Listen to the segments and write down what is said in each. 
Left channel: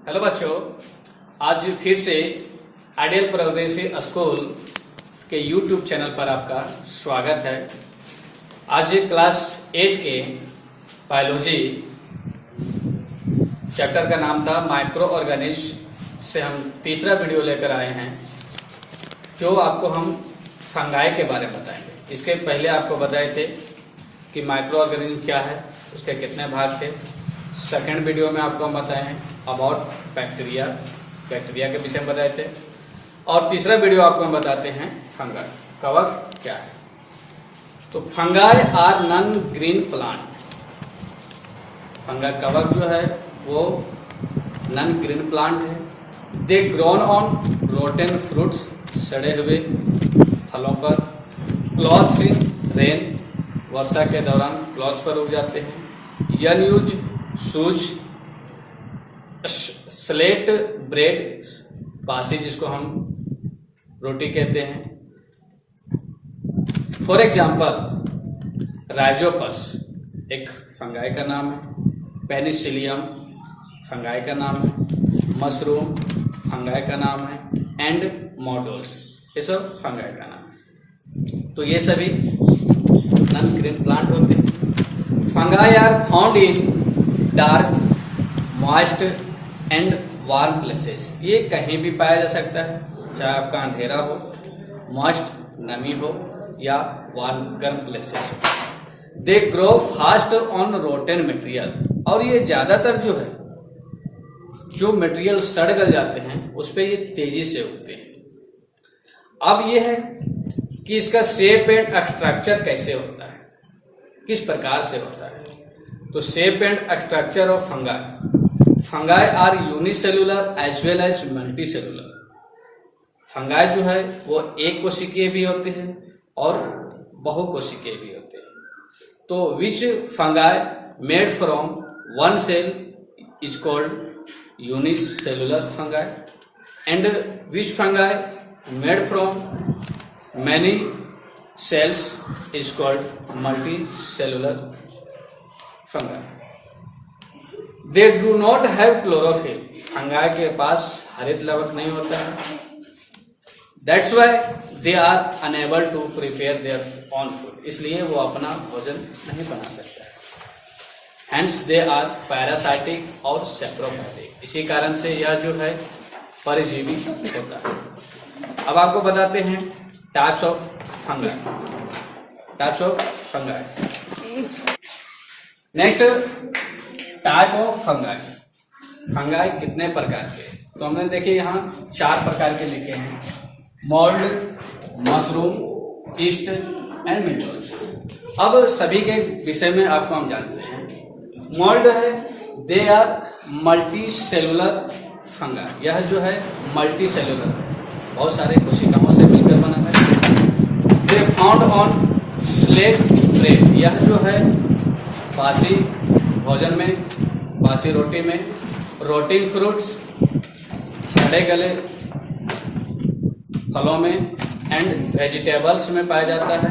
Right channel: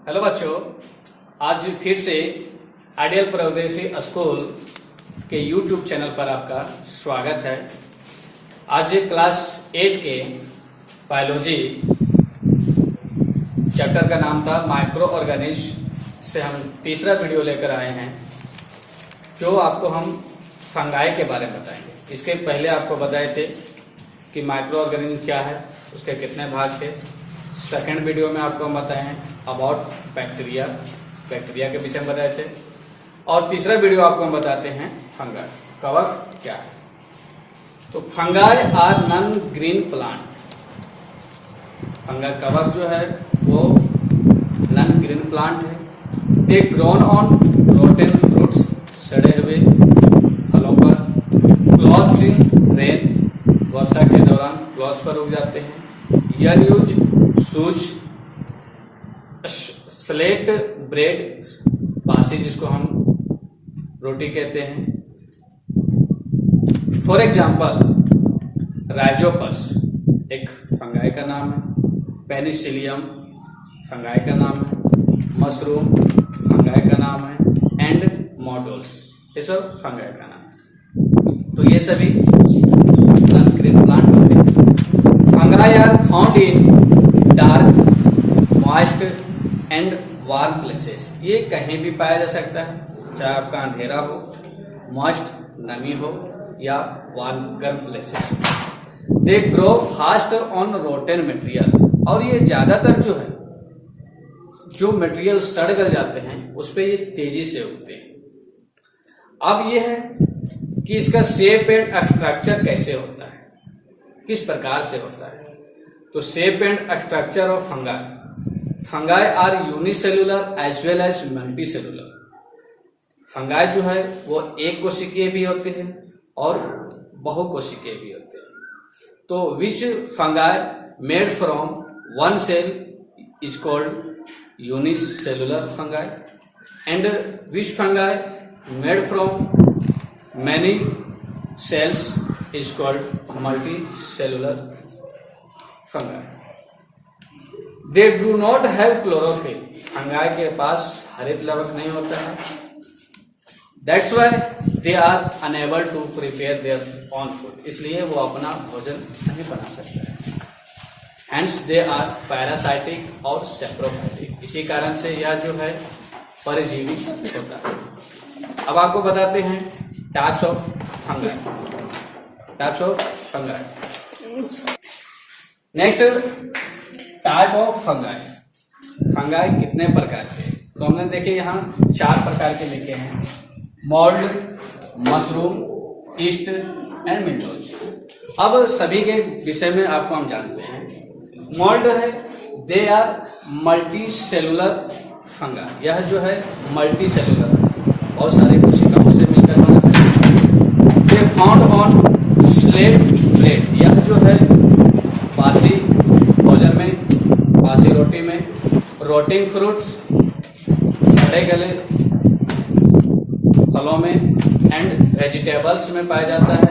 Hello बच्चों, आज फिर से आइडियल प्रोग्रेसिव स्कूल के यूट्यूब चैनल पर आपका स्वागत है। आज क्लास 8 के बायोलॉजी चैप्टर का नाम था माइक्रो ऑर्गेनिज्म से हम तीसरा वीडियो लेकर आए हैं, जो आपको हम फंगाई के बारे में बताएंगे। इसके पहले आपको बताए थे कि माइक्रो ऑर्गेनिज्म क्या है, उसके कितने भाग थे। सेकेंड वीडियो में आपको हम बताए हैं अबाउट बैक्टीरिया के विषय में बताए थे। और तीसरा वीडियो आपको हम बताते हैं फंगाई कवक क्या है। तो fungi are non green plant. Fungi कवक जो है वो नॉन ग्रीन प्लांट है। They grown on rotten fruits, सड़े हुए फलों पर। क्लॉथ्स इन रेन, वर्षा के दौरान क्लॉथ्स पर उग जाते हैं। यूज सूज, स्लेट ब्रेड, बासी जिसको हम रोटी कहते हैं। फॉर एग्जाम्पल राइजोपस एक फंगाई का नाम है, पेनिसिलियम फंगाई का नाम है, मशरूम फंगाई का नाम है, एंड मॉडल्स ये सब फंगाई का नाम है। तो ये सभी नॉन ग्रीन प्लांट होते हैं। Fungi are found in dark, moist and warm places. ये कहीं भी पाया जा सकता है, चाहे आपका अंधेरा हो, मॉइस्ट नमी हो, या वार्म गर्म प्लेसेस हो। They grow fast on rotten material. और ये ज्यादातर जो है, जो मटेरियल सड़ गल जाते हैं उस पे ये तेजी से उगते हैं। अब ये है कि इसका शेप एंड स्ट्रक्चर कैसे होता है, किस प्रकार से होता है। तो shape and structure of fungi are unicellular as well as multi cellular. Fungi जो है वो एक कोशिकीय भी होते हैं और बहुकोशिकीय भी होते हैं। तो which fungi made from one cell is called unicellular fungi, and which fungi made from many cells is called multi cellular fungi. They do not have chlorophyll. Fungi के पास हरित लवक नहीं होता है। That's why they are unable to prepare their own food. इसलिए वो अपना भोजन नहीं बना सकता है। हेंस दे आर पैरासाइटिक और सेप्रोफाइटिक। इसी कारण से यह जो है परजीवी होता है। अब आपको बताते हैं types of fungi. Next, type of fungi. Fungi कितने प्रकार के, तो हमने देखे यहाँ 4 प्रकार के लिखे हैं: mould, mushroom, east and meadows. अब सभी के विषय में आपको हम जानते हैं। मोल्ड है, they are multi cellular fungi. यह जो है मल्टी सेलुलर है, बहुत सारे कोशिकाओं से मिलकर बना है। They found on slate bread. यह जो है बासी भोजन में, बासी रोटी में, रोटिंग फ्रूट्स, सड़े गले फलों में, एंड वेजिटेबल्स में पाया जाता है।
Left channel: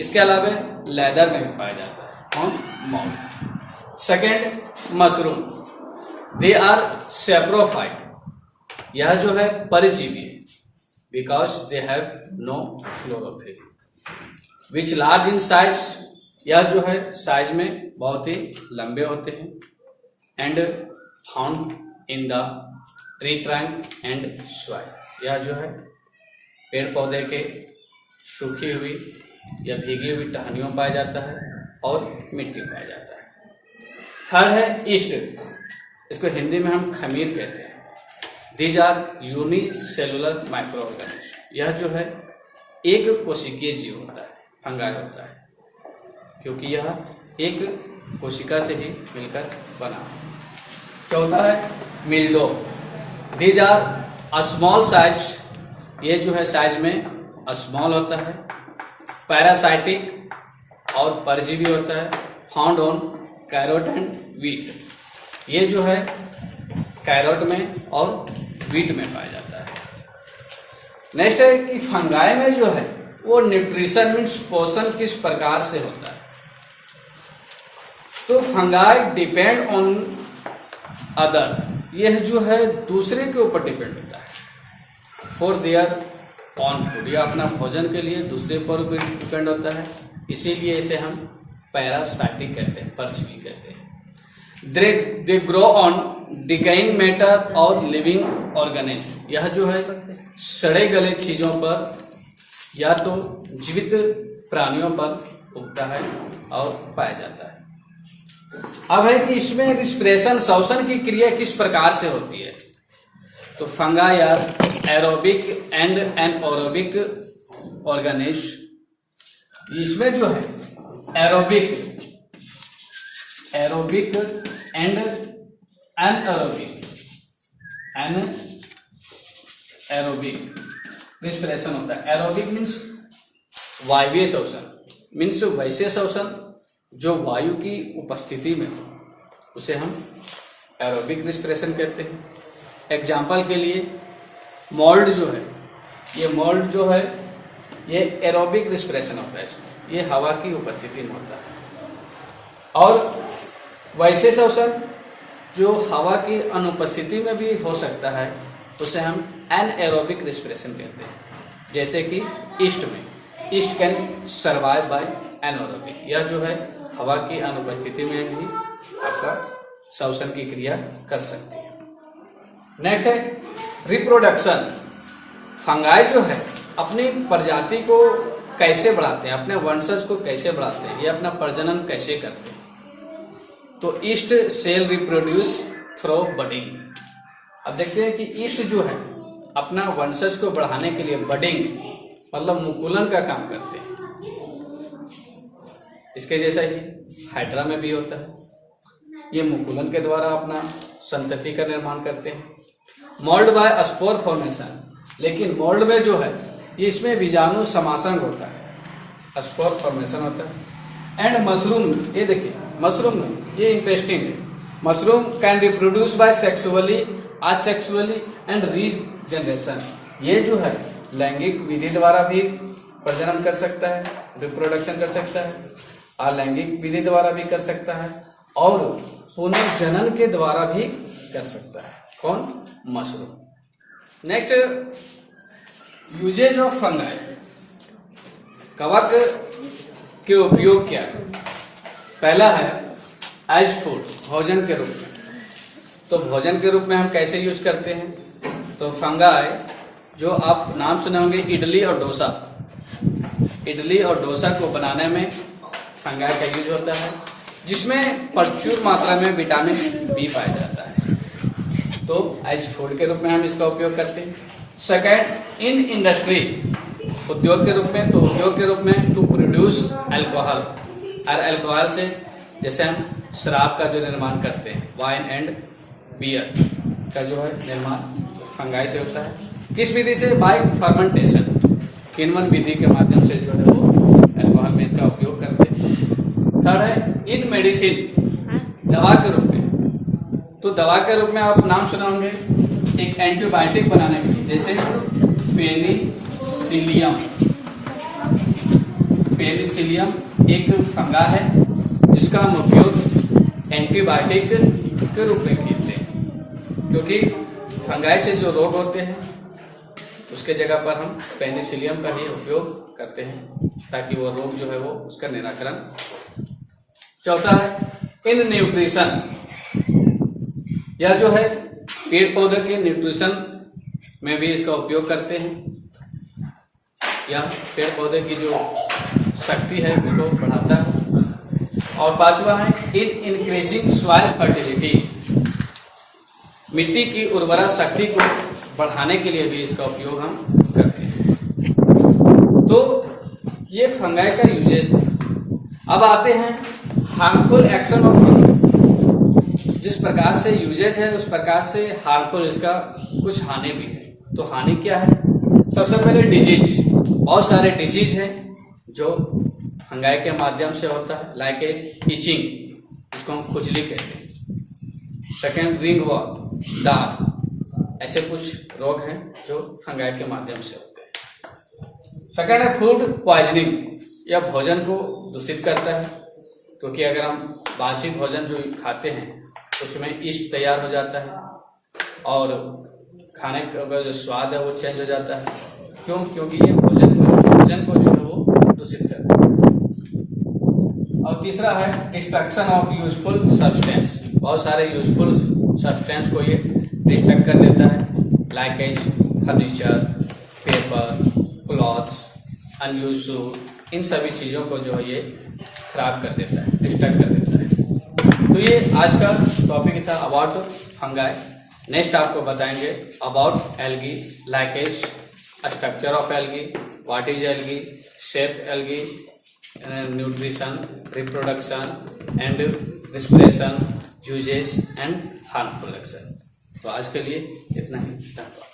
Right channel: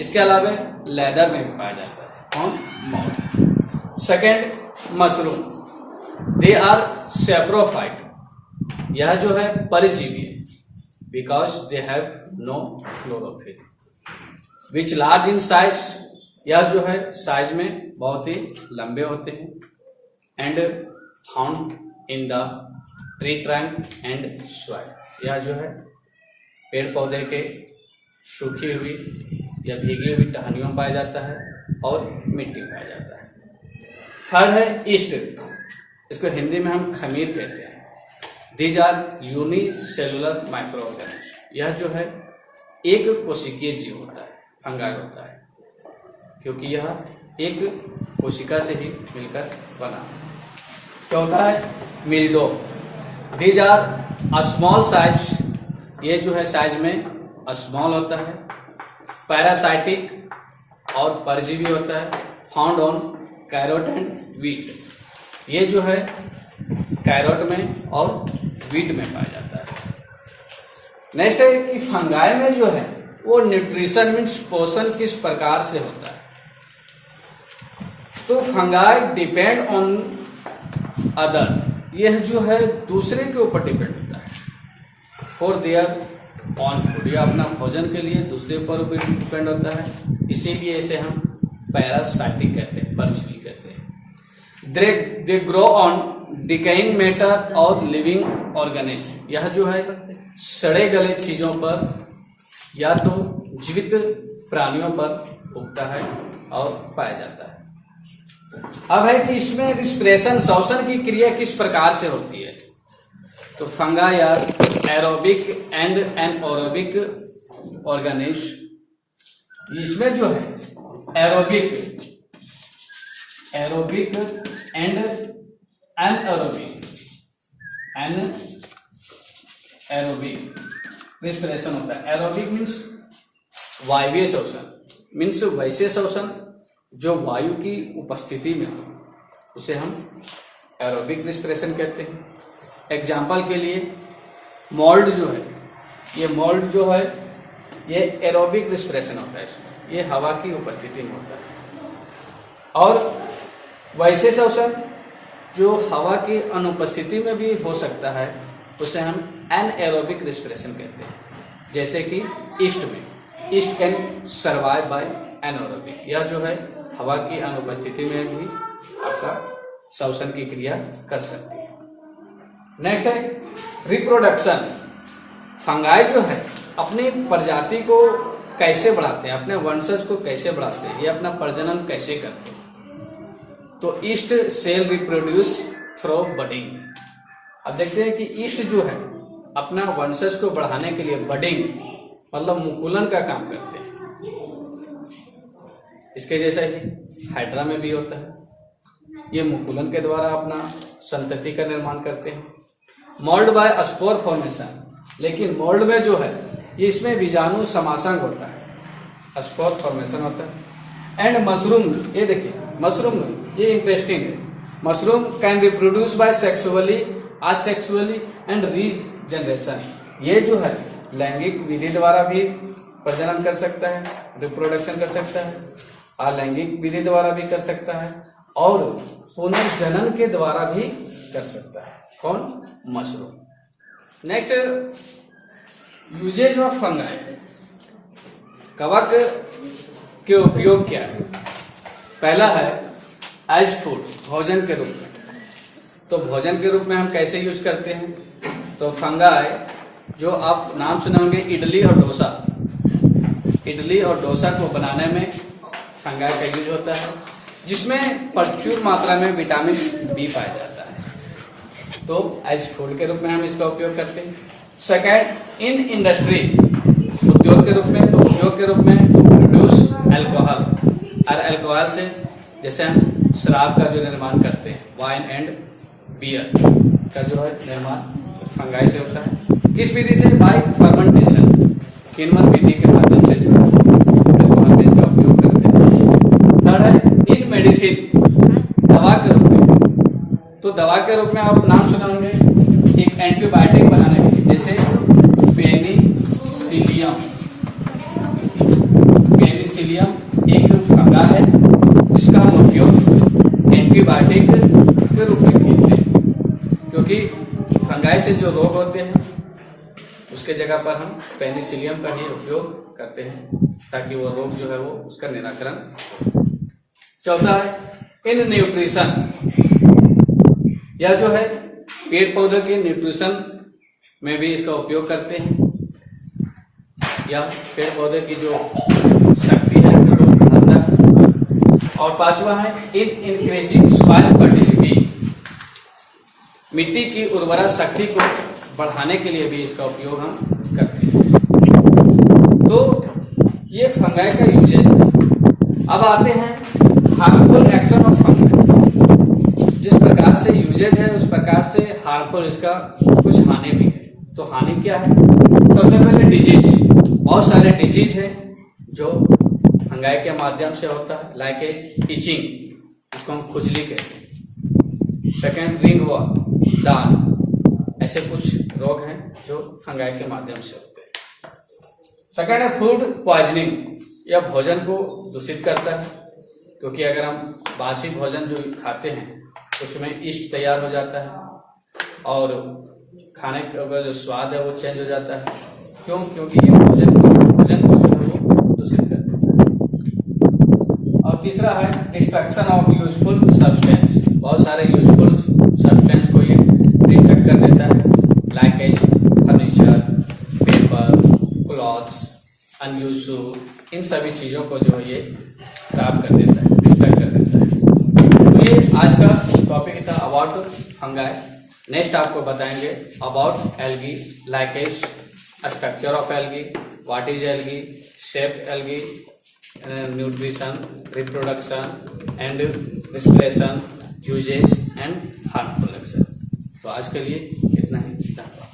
इसके अलावा लेदर में भी पाया जाता है on mould. Second, mushroom, they are saprophyte. यह जो है परजीवी है, because they have no chlorophyll. Which large in size. यह जो है साइज में बहुत ही लंबे होते हैं। And found in the tree trunk and soil. यह जो है पेड़ पौधे के सूखी हुई या भीगी हुई टहनियों में पाया जाता है और मिट्टी में पाया जाता है। थर्ड है ईस्ट। इसको हिंदी में हम खमीर कहते हैं। These are unicellular microorganism. यह जो है एक कोशिकीय जीव होता है, फंगाई होता है, क्योंकि यह एक कोशिका से ही मिलकर बना है। क्या होता है? Mildew. These are small size. ये जो है साइज में स्मॉल होता है। पैरासाइटिक और परजीवी होता है। Found on carrot and wheat. ये जो है कैरोट में और वीट में पाया जाता है। नेक्स्ट है कि फंगाई में जो है वो न्यूट्रिशन मीन्स पोषण किस प्रकार से होता है। तो फंगाई डिपेंड ऑन अदर यह जो है दूसरे के ऊपर डिपेंड होता है। फॉर देयर ऑन फूड, यह अपना भोजन के लिए दूसरे पर डिपेंड होता है, इसीलिए इसे हम पैरासाइटिक कहते हैं, परजीवी कहते हैं। They grow on decaying matter और लिविंग ऑर्गेनिज्म, यह जो है सड़े गले चीजों पर या तो जीवित प्राणियों पर उगता है और पाया जाता है। अब है कि इसमें रिस्पिरेशन, श्वसन की क्रिया किस प्रकार से होती है। तो fungi are aerobic and anaerobic organism. इसमें जो है एरोबिक एंड एनएरोबिक रिस्पिरेशन होता है। एरोबिक मीन्स वायवीय श्वसन, मीन्स वैसे श्वसन जो वायु की उपस्थिति में हो, उसे हम एरोबिक रिस्पिरेशन कहते हैं। एग्जाम्पल के लिए मोल्ड जो है, ये मोल्ड जो है ये एरोबिक रिस्पिरेशन होता है, इसमें ये हवा की उपस्थिति में होता है। और वैसे श्वसन जो हवा की अनुपस्थिति में भी हो सकता है, उसे हम एनएरोबिक रिस्पिरेशन कहते हैं। जैसे कि ईस्ट में, yeast can survive by anaerobic, यह जो है हवा की अनुपस्थिति में भी आपका श्वसन की क्रिया कर सकती है। नेक्स्ट है रिप्रोडक्शन। फंगाई जो है अपनी प्रजाति को कैसे बढ़ाते हैं, अपने वंशज को कैसे बढ़ाते हैं, ये अपना प्रजनन कैसे करते हैं। तो yeast cell reproduce through budding. अब देखते हैं कि ईस्ट जो है अपना वंशज को बढ़ाने के लिए बडिंग मतलब मुकुलन का काम करते हैं। इसके जैसा ही हाइड्रा में भी होता है, ये मुकुलन के द्वारा अपना संतति का निर्माण करते हैं। मोल्ड बाय स्पोर फॉर्मेशन, लेकिन मोल्ड में जो है ये इसमें बीजाणु समासंग होता है, स्पोर फॉर्मेशन होता है। एंड मशरूम, ये देखिए मशरूम, ये इंटरेस्टिंग है। Mushroom can reproduce by sexually, asexually and regeneration. ये जो है लैंगिक विधि द्वारा भी प्रजनन कर सकता है, रिप्रोडक्शन कर सकता है, अलैंगिक विधि द्वारा भी कर सकता है और पुनर्जनन के द्वारा भी कर सकता है। कौन? Mushroom. Next, uses of fungi. कवक के उपयोग क्या है? पहला है एज फूड, भोजन के रूप में। तो भोजन के रूप में हम कैसे यूज करते हैं? तो फंगाई जो आप नाम सुने होंगे इडली और डोसा, इडली और डोसा को बनाने में फंगाई का यूज होता है, जिसमें प्रचुर मात्रा में विटामिन बी पाया जाता है। तो एज फूड के रूप में हम इसका उपयोग करते हैं। सेकेंड, इन इंडस्ट्री, उद्योग के रूप में। तो उद्योग के रूप में टू प्रोड्यूस अल्कोहल, और अल्कोहल से जैसे हम शराब का जो निर्माण करते हैं, वाइन एंड बियर का जो है निर्माण फंगाई से होता है। किस विधि से? बाय फर्मेंटेशन, किण्वन विधि के माध्यम से जो है वो अल्कोहल में इसका उपयोग करते हैं। थर्ड है इन मेडिसिन, दवा के रूप में। तो दवा के रूप में आप नाम सुना होंगे एक एंटीबायोटिक बनाने के लिए, जैसे पेनिसिलियम। पेनिसिलियम एक फंगा है जिसका हम उपयोग एंटीबायोटिक के रूप में करते हैं, क्योंकि फंगाई से जो रोग होते हैं उसके जगह पर हम पेनिसिलियम का ही उपयोग करते हैं ताकि वो रोग जो है वो उसका निराकरण हो। चौथा है इन न्यूट्रिशन, यह जो है पेड़ पौधे के न्यूट्रिशन में भी इसका उपयोग करते हैं। यह पेड़ पौधे की जो शक्ति है उसको बढ़ाता है। और पांचवा है इन इंक्रीजिंग सॉइल फर्टिलिटी, मिट्टी की उर्वरा शक्ति को बढ़ाने के लिए भी इसका उपयोग हम करते हैं। तो ये फंगाई का यूजेस है। अब आते हैं हार्मफुल एक्शन ऑफ फंगाई। जिस प्रकार से यूजेज है उस प्रकार से हार्मफुल इसका कुछ हानि भी है। तो हानि क्या है? सबसे पहले डिजीज, बहुत सारे डिजीज है जो फंगाई के माध्यम से होता है, लाइक इचिंग, जिसको हम खुजली कहते हैं। सेकेंड रिंग वॉर्म, दाद, ऐसे कुछ रोग हैं जो फंगाई के माध्यम से होते हैं। सेकेंड है फूड पॉइजनिंग, यह भोजन को दूषित करता है, क्योंकि अगर हम बासी भोजन जो खाते हैं उसमें ईस्ट तैयार हो जाता है और खाने का जो स्वाद है वो चेंज हो जाता है। क्यों? क्योंकि ये भोजन को जो है वो दूषित कर देता है। और तीसरा है डिस्ट्रक्शन ऑफ यूजफुल सब्सटेंस। बहुत सारे यूजफुल सब्सटेंस को ये डिस्ट्रक्ट कर देता है, like as furniture, paper, clothes, unused shoe, इन सभी चीजों को जो है ये खराब कर देता है, डिस्ट्रक्ट कर देता है। तो ये आज का टॉपिक था अबाउट फंगाई। नेक्स्ट आपको बताएंगे about algae, like as structure of algae, what is algae, shape algae, nutrition, reproduction and respiration, uses and harmful action. तो आज के लिए इतना ही, धन्यवाद।